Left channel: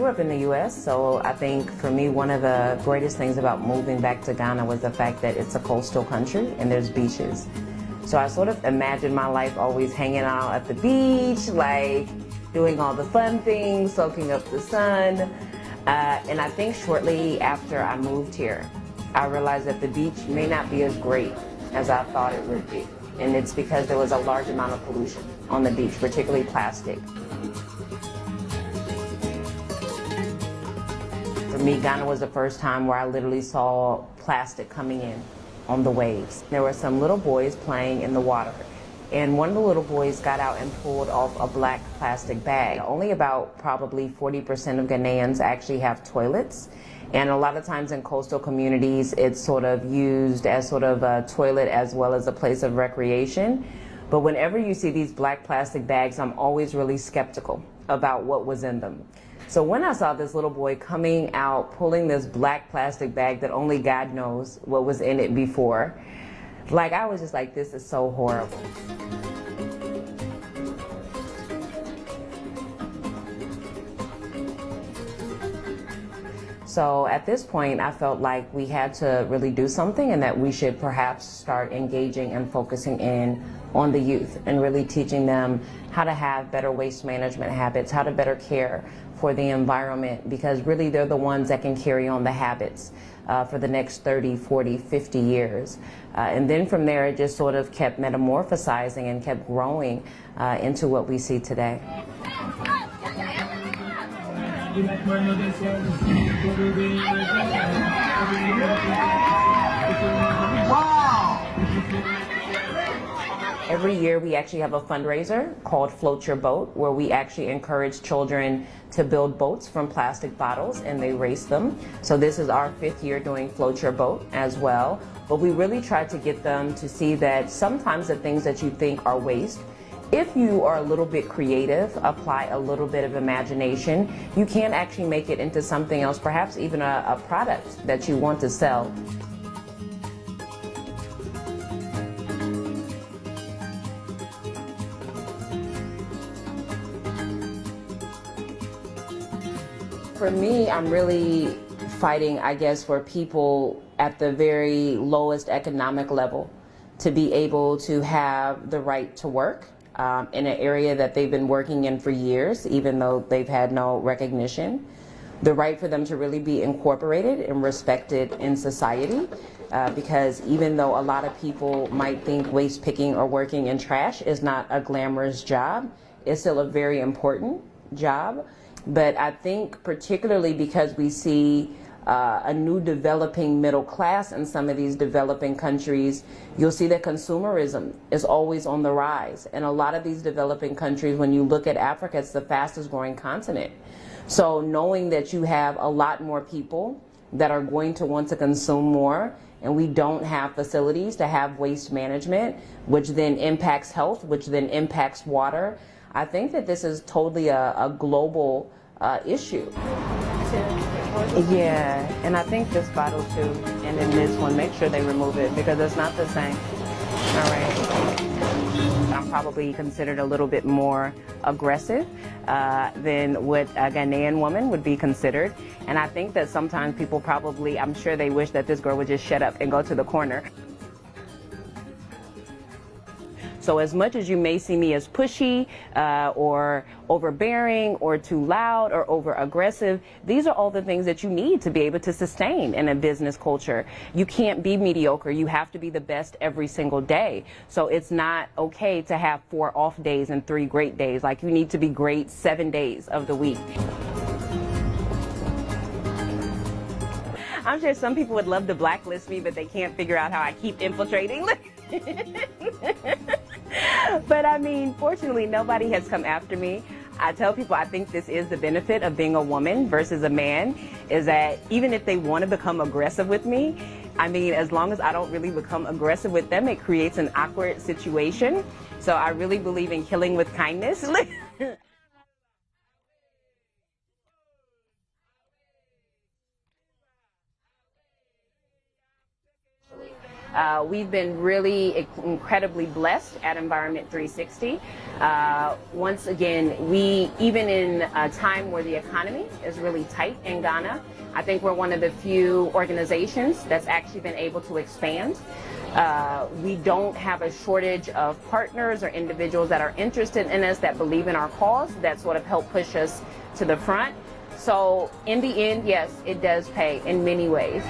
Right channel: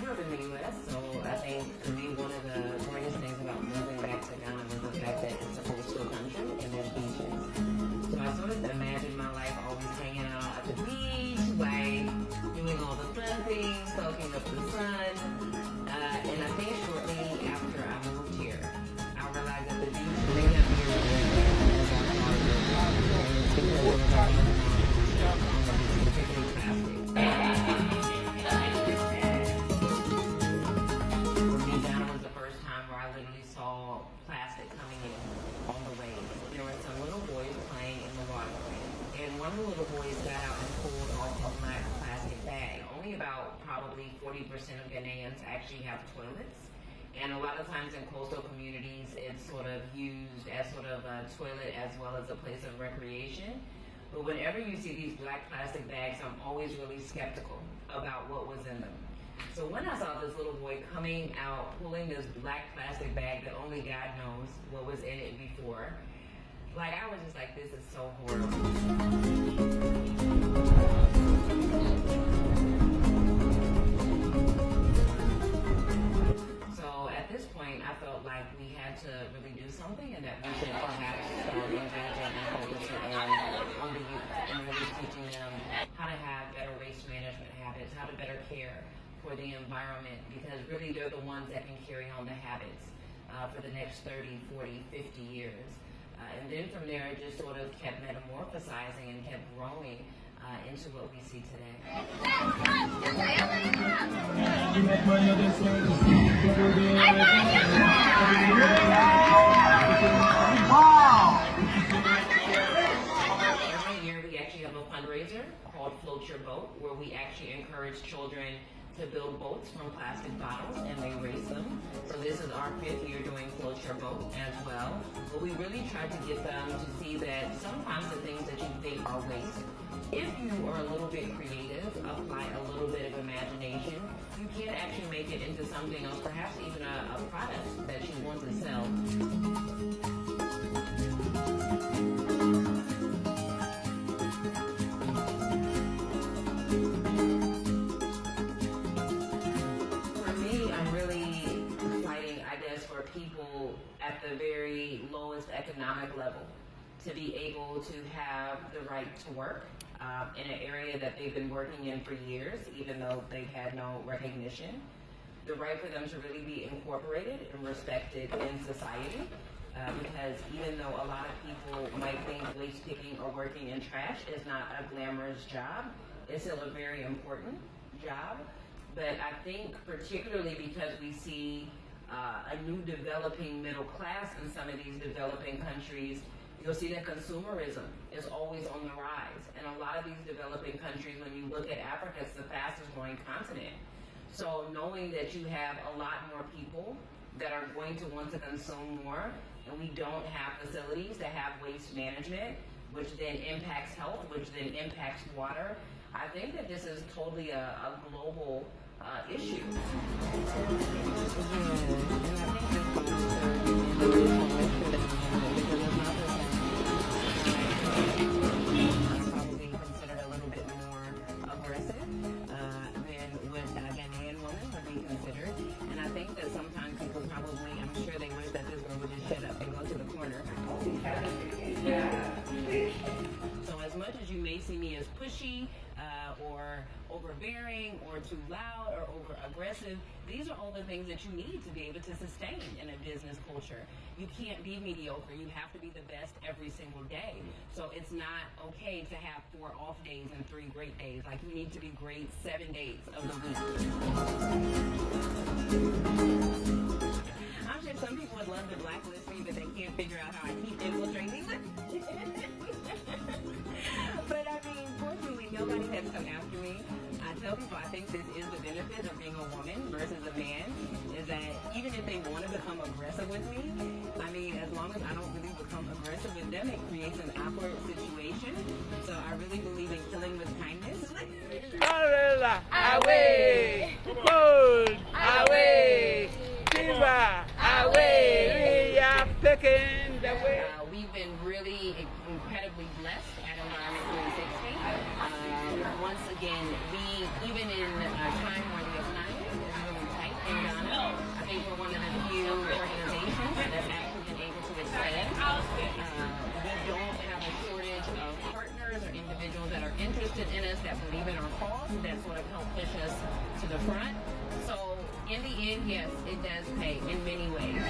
grew up in the U.S., so I think for me one of the greatest things about moving back to Ghana was the fact that it's a coastal country and there's beaches. So I sort of imagined my life always hanging out at the beach, like doing all the fun things, soaking up the sun. And I think shortly after I moved here, I realized that the beach may not be as great as I thought it would be. And it's because there was a large amount of pollution on the beach, particularly plastic. For me, Ghana was the first time where I literally saw plastic coming in on the waves. There were some little boys playing in the water, and one of the little boys got out and pulled off a black plastic bag. Only about probably 40% of Ghanaians actually have toilets, and a lot of times in coastal communities it's sort of used as sort of a toilet as well as a place of recreation. But whenever you see these black plastic bags, I'm always really skeptical about what was in them. So when I saw this little boy coming out, pulling this black plastic bag that only God knows what was in it before, like I was just like, this is so horrible. So at this point, I felt like we had to really do something and that we should perhaps start engaging and focusing in on the youth and really teaching them how to have better waste management habits, how to better care for the environment, because really they're the ones that can carry on the habits for the next 30, 40, 50 years. And then from there, it just sort of kept metamorphosizing and kept growing into what we see today. Every year we actually have a fundraiser called Float Your Boat, where we actually encourage children to build boats from plastic bottles and they race them. So this is our 5th year doing Float Your Boat as well. But we really try to get them to see that sometimes the things that you think are waste, if you are a little bit creative, apply a little bit of imagination, you can actually make it into something else, perhaps even a product that you want to sell. For me, I'm really fighting, I guess, for people at the very lowest economic level to be able to have the right to work in an area that they've been working in for years, even though they've had no recognition. The right for them to really be incorporated and respected in society, because even though a lot of people might think waste picking or working in trash is not a glamorous job, it's still a very important job. But I think particularly because we see a new developing middle class in some of these developing countries, you'll see that consumerism is always on the rise. And a lot of these developing countries, when you look at Africa, it's the fastest growing continent. So knowing that you have a lot more people that are going to want to consume more, and we don't have facilities to have waste management, which then impacts health, which then impacts water, I think that this is totally a global issue. Yeah, and I think this bottle too, and then this one, make sure they remove it because it's not the same. All right. I'm probably considered a little bit more aggressive than what a Ghanaian woman would be considered. And I think that sometimes people probably, I'm sure they wish that this girl would just shut up and go to the corner. So as much as you may see me as pushy or overbearing or too loud or over aggressive, these are all the things that you need to be able to sustain in a business culture. You can't be mediocre. You have to be the best every single day. So it's not okay to have 4 off days and 3 great days. Like, you need to be great 7 days of the week. I'm sure some people would love to blacklist me, but they can't figure out how I keep infiltrating. But I mean, fortunately, nobody has come after me. I tell people I think this is the benefit of being a woman versus a man, is that even if they want to become aggressive with me, I mean, as long as I don't really become aggressive with them, it creates an awkward situation. So I really believe in killing with kindness. We've been really incredibly blessed at Environment360. Once again, even in a time where the economy is really tight in Ghana, I think we're one of the few organizations that's actually been able to expand. We don't have a shortage of partners or individuals that are interested in us, that believe in our cause, that sort of help push us to the front. So in the end, yes, it does pay in many ways.